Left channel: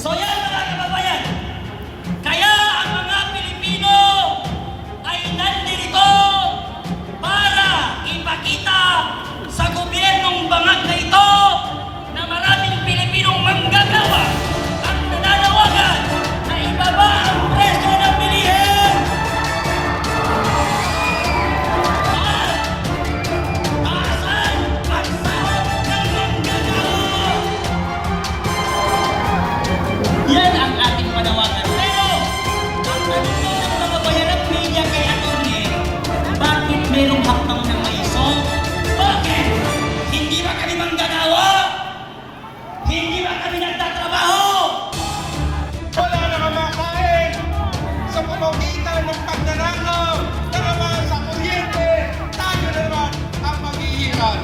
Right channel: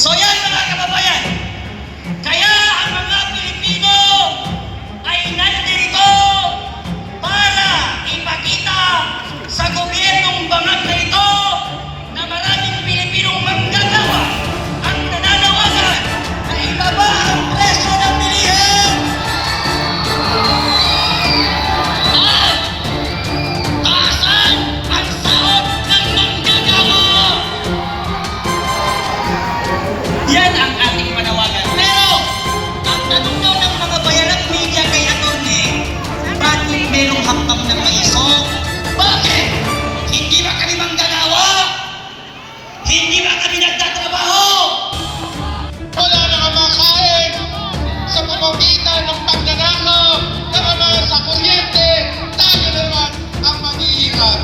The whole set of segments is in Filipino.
So yan mga kababayan, kaya ang mga Pilipino ay nandito para ipakita sa gobyernong bangag na ito na maraming Pilipinong manggagawa ang nananawagan na ibaba ang presyo ng bilihin at taasan ang sahod ng manggagawa. Yan ang ating panawagan. Pero, ang tanong daw ng mga bayaran media kay Atty. Bakit merong hakbang ng maiso? Bakit? Hindi ba kami manggagawa? Hindi ba kami nagtatrabaho? Wala nang makain sa pamamagitan ng pagnanakaw ng mga sa kuryente. Tayo naman ang maghihirap.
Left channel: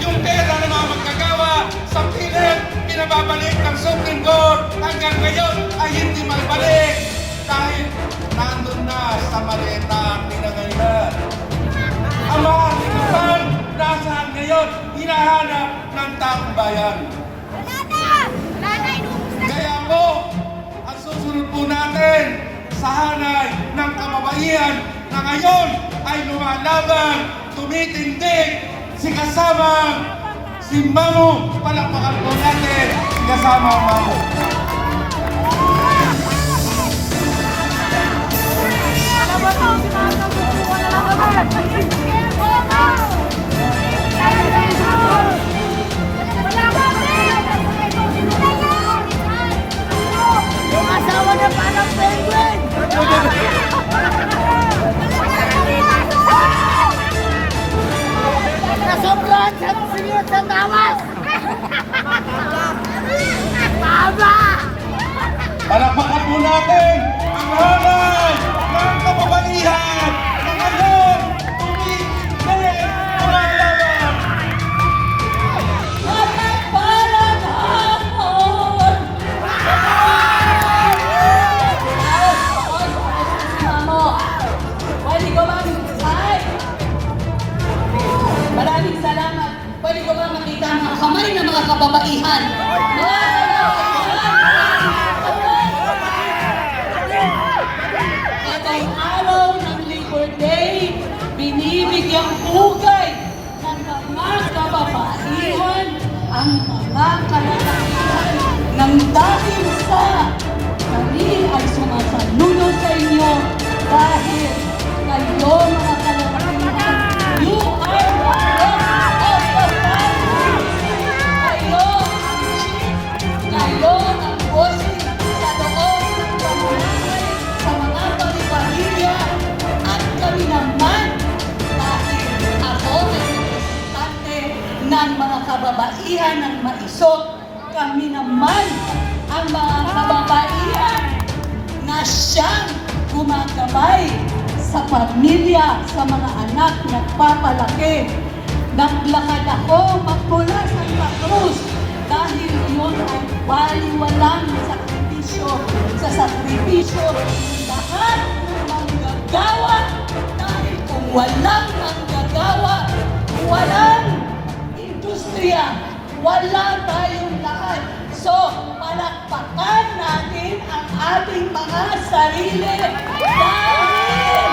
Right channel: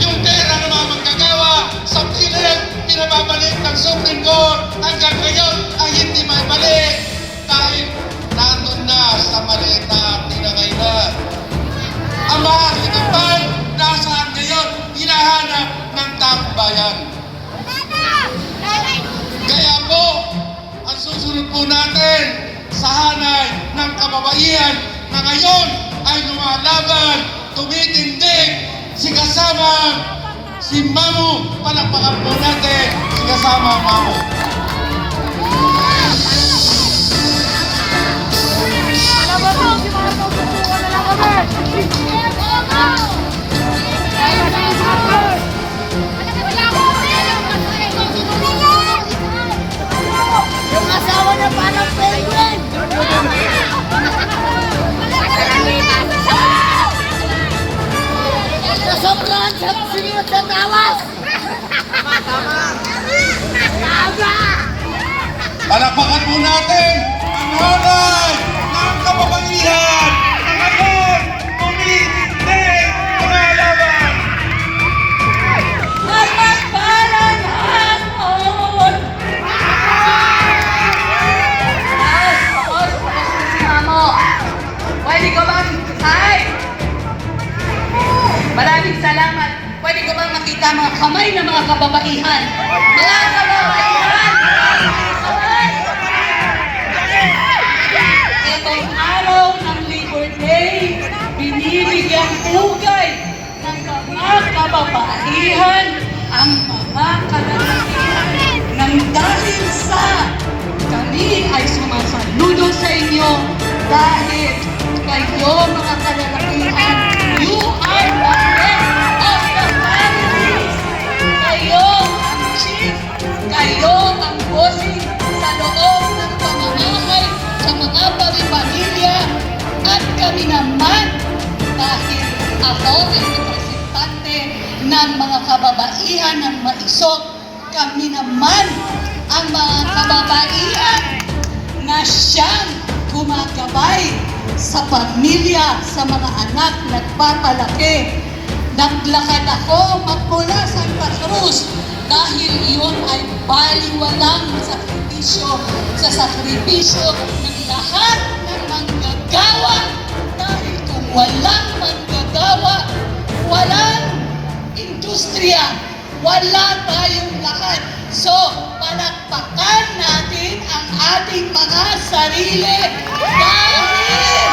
Yung pera ng mga manggagawa sa pilit, pinababalik ng Supreme Court hanggang ngayon ay hindi maibalik dahil nandun na sa maleta at nilagay na. Ang mga sikapan nasaan ngayon, hinahanap ng taong bayan. Kaya po, ang susunod po natin sa hanay ng kababaihan na ngayon ay lumalaban, tumitindig, si kasama si Mamu. Palakpakan po natin si kasama Mamu. Yung asawa na parang penguin! Nasobrahan siya ng sinunod sa tawas! Tama! Palakpakan po natin ang hanay ng kababaihan na ngayon tumitindig lumalaban. Walang parang hapon! Mamo, pwede ko bang hi? Maraming salamat. Pwede ko bang makita mga kamay ng mga kababaihan? Mga kababaihan! Itong araw ng Labor Day, binibigyan pugay ng mga kababaihan ang mga kalalakihan nang dahil sa kami ay sumasaludo sa inyo dahil kayo mga kalalakihan, you are the head of the families. Kayo ang chief, kayo ang bossing sa loob ng pamamahay sa mga pamilya at kami naman dahil ako ang representante ng mga kababaihan ng maisok. Kami naman ang mga kababaihan na siyang gumagabay sa pamilya, sa mga anak, nagpapalaki. Naglakad ako magmula Santa Cruz dahil iyon ay baliwalang sakripisyo sa sakripisyo ng lahat ng manggagawa. Dahil kung walang manggagawa, walang industriya, wala tayong lahat. So, palakpakan natin ang ating mga sarili dahil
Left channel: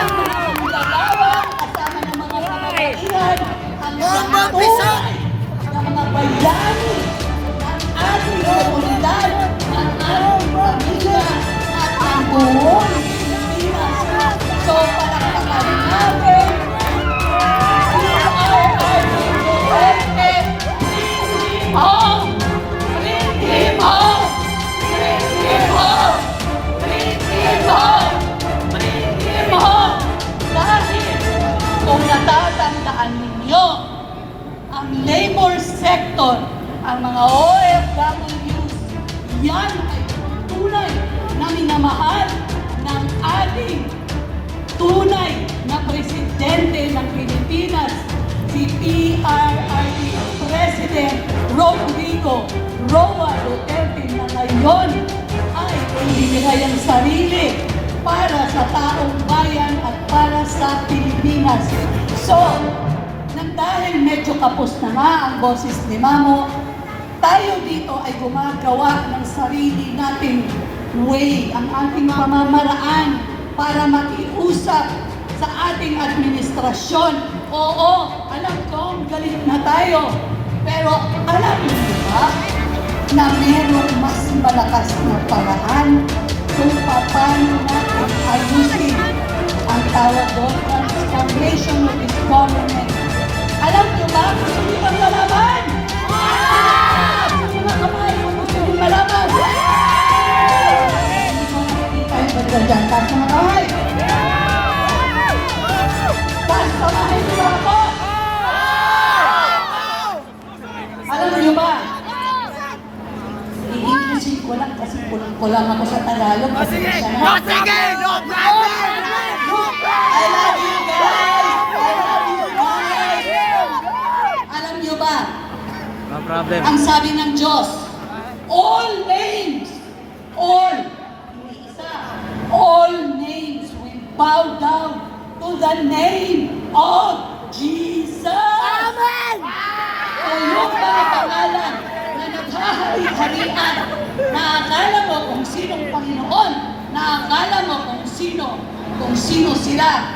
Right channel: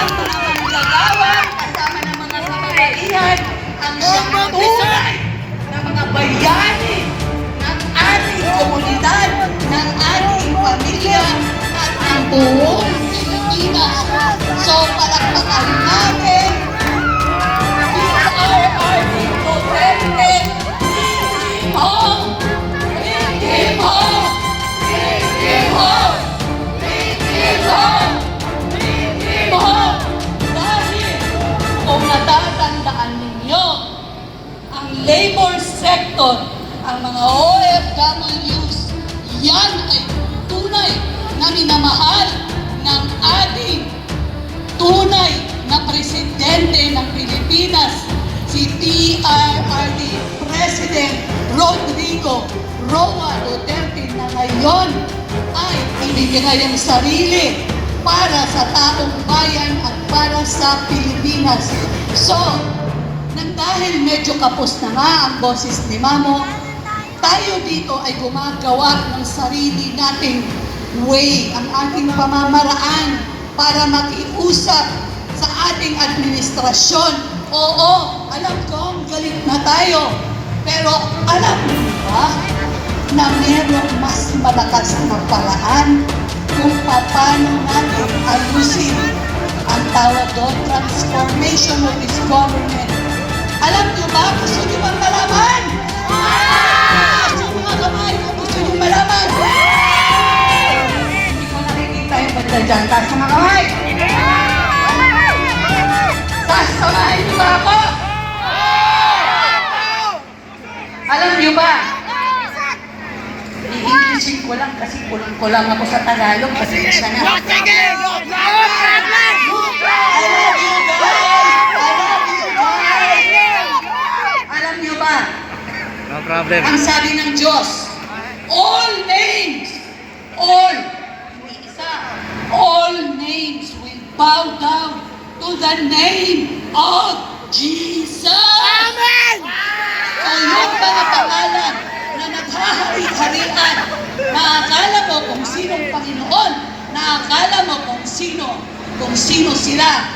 ang mga manggagawa kasama ng mga kababaihan ang siyang tunay na mga bayani ng ating komunidad, ng ating pamilya at ng buong Pilipinas. So, palakpakan natin. Kung natatandaan ninyo, ang labor sector, ang mga OFWs, yan ay tunay na minamahal ng ating tunay na presidente ng Pilipinas, si PRRD President Rodrigo Roa Duterte, na ngayon ay ibinigay ang sarili para sa taong bayan at para sa Pilipinas. So, nang dahil medyo kapos na nga ang boses ni Mamo, tayo dito ay gumagawa ng sarili nating way, ang ating pamamaraan para makiusap sa ating administrasyon. Oo, alam ko, galit na tayo. Pero alam mo ba na mayroong mas malakas na paraan kung paano natin ayusin ang tawag doon, transformation of this government. Alam niyo ba? Gusto niyo bang malaman? Yung mga kamay, kung gusto niyo malaman. Hindi ko nakikita yung pagkita dyan. Taas ng mga kamay. Sasamahin niyo ba ako? Alam niyo ba? I-Englishin ko lang kasi kulang ako sa Tagalog. Pasensya na. I love you guys! I love you guys! Alam niyo ba? No problem. Ang sabi ng Diyos, all names, all, hindi isa, all names will bow down to the name of Jesus. Amen! So yung mga pangalan na naghahari-harian, naakala mo kung sinong Panginoon, naakala mo kung sino sila,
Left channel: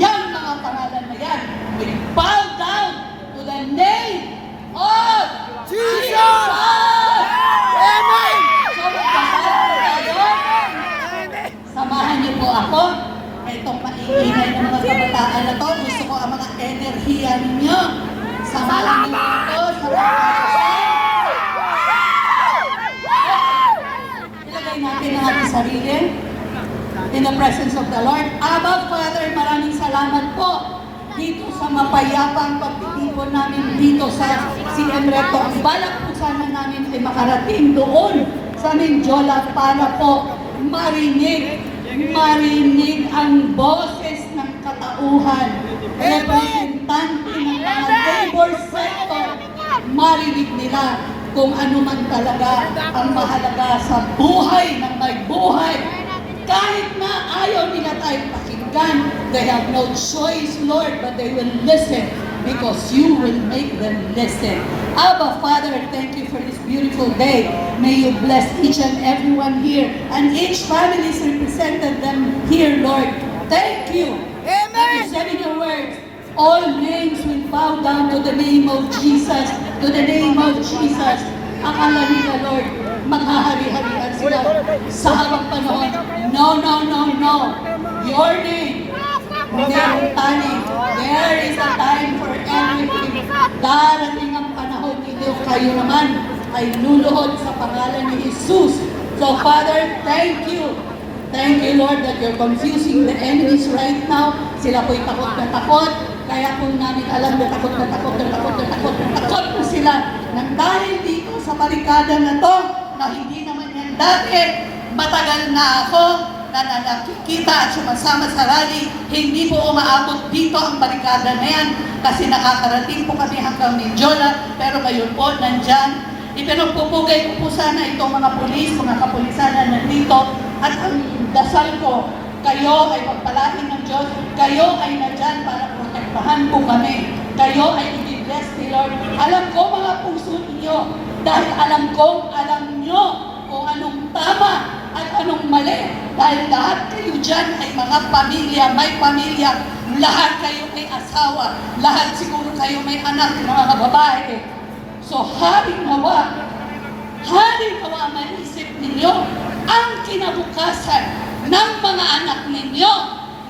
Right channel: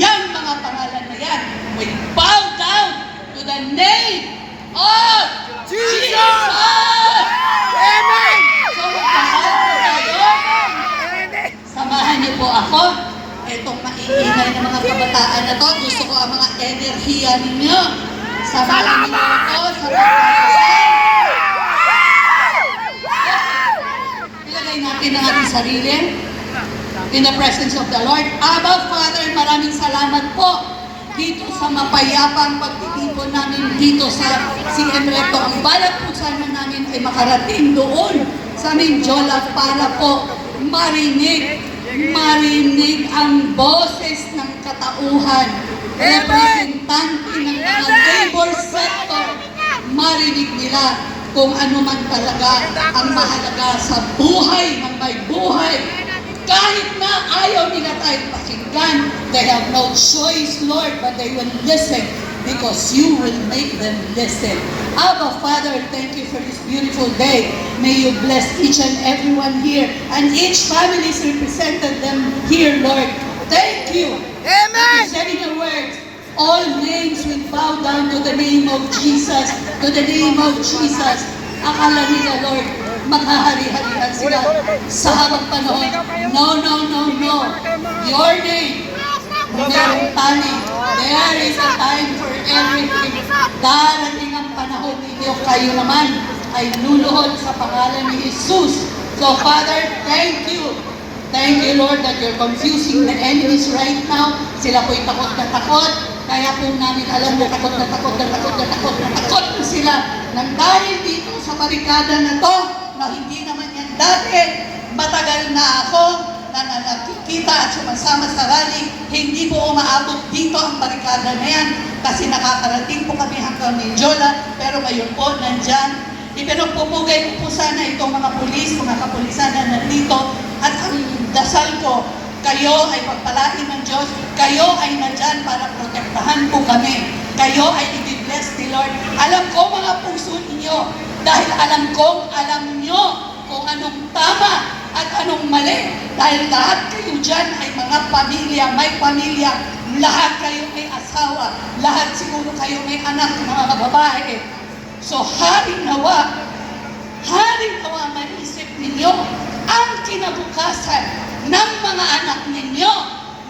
yan mga pangalan na yan will bow down to the name of Jesus! Amen! So magdasal po tayo. Samahan niyo po ako. Itong maiingay ng mga kabataan na to, gusto ko ang mga enerhiya ninyo. Samahan niyo ako sa pagdasal. Ilagay natin ang ating sarili in the presence of the Lord. Abba, Father, maraming salamat po dito sa mapayapang pagtitipon namin dito sa CM Recto. Ang balat po sana namin ay makarating doon sa Mindiola para po marinig ang boses ng katauhan, representante ng mga labor sector, marinig nila kung ano man talaga ang mahalaga sa buhay ng may buhay. Kahit na ayaw nila tayo pakinggan, they have no choice, Lord, but they will listen because you will make them listen. Abba, Father, thank you for this beautiful day. May you bless each and everyone here and each family is represented them here, Lord. Thank you. Amen. You said in your words, all names will bow down to the name of Jesus, to the name of Jesus. Akala nila, Lord, maghahari-harihan sila sa habang panahon. No. Your name, merong timing. There is a time for everything. Darating ang panahon ninyo, kayo naman ay luluhod sa pangalan ni Jesus. So, Father, thank you. Thank you, Lord, that you're confusing the enemies right now. Sila po'y takot na takot. Kaya po namin alam na takot na sila. Nang dahil dito sa barikada na to, na hindi naman yan dati, matagal na ako na nakikita at sumasama sa rally, hindi po umaabot dito ang barikada na yan kasi nakakarating po kami hanggang Mindiola, pero ngayon po nandyan. Ipinagpupugay ko po sana itong mga pulis, mga kapulisan na nandito at ang dasal ko, kayo ay pagpalain ng Diyos, kayo ay nandyan para protektahan po kami. Kayo ay i-bless ni Lord. Alam ko mga puso ninyo, dahil alam nyo kung anong tama at anong mali. Dahil lahat kayo dyan ay mga pamilya, may pamilya, lahat kayo may asawa, lahat siguro kayo may anak na mga babae. So haring nawa maisip ninyo ang kinabukasan ng mga anak ninyo,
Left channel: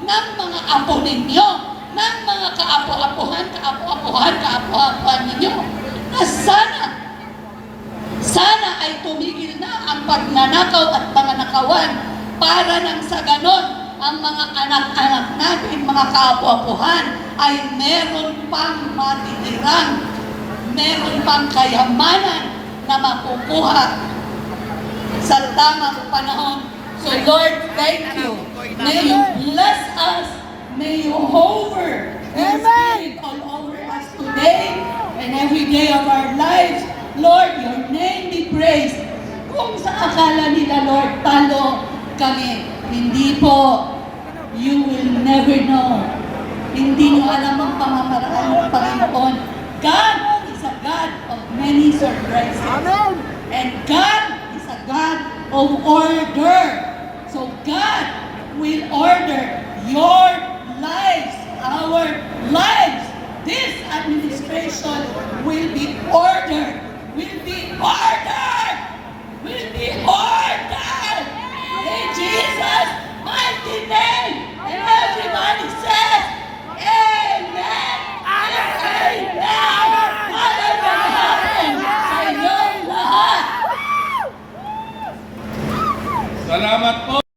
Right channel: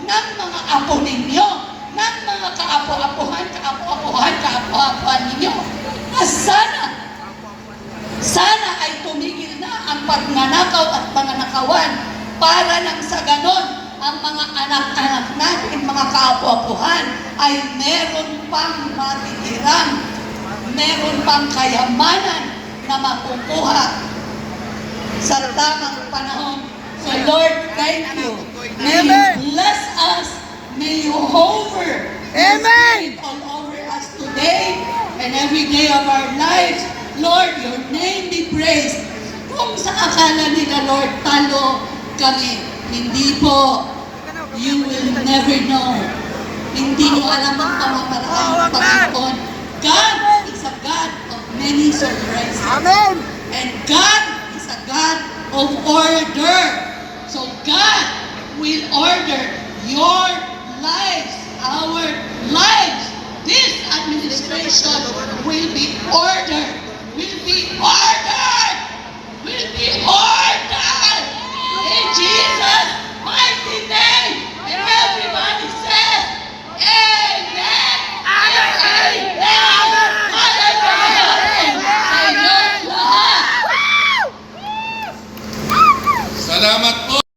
ng mga apo ninyo, ng mga kaapo-apuhan ninyo, na sana ay tumigil na ang pagnanakaw at panganakawan para nang sa ganon ang mga anak-anak natin, mga kaapo-apuhan ay meron pang matitirahan, meron pang kayamanan na makukuha sa tamang panahon. So Lord, thank you. May you bless us. May you hover your Spirit all over us today and every day of our lives. Lord, your name be praised. Kung sa akala nila, Lord, talo kami, hindi po. You will never know Hindi nyo alam ang pamamaraan ng Panginoon. God is a God of many surprises. And God is a God of order. So God will order your lives, our lives. This administration will be ordered. Will be ordered. Will be ordered. In Jesus' mighty name. And everybody says, Amen. Amen. Amen. Father God, sa inyong lahat. Salamat po.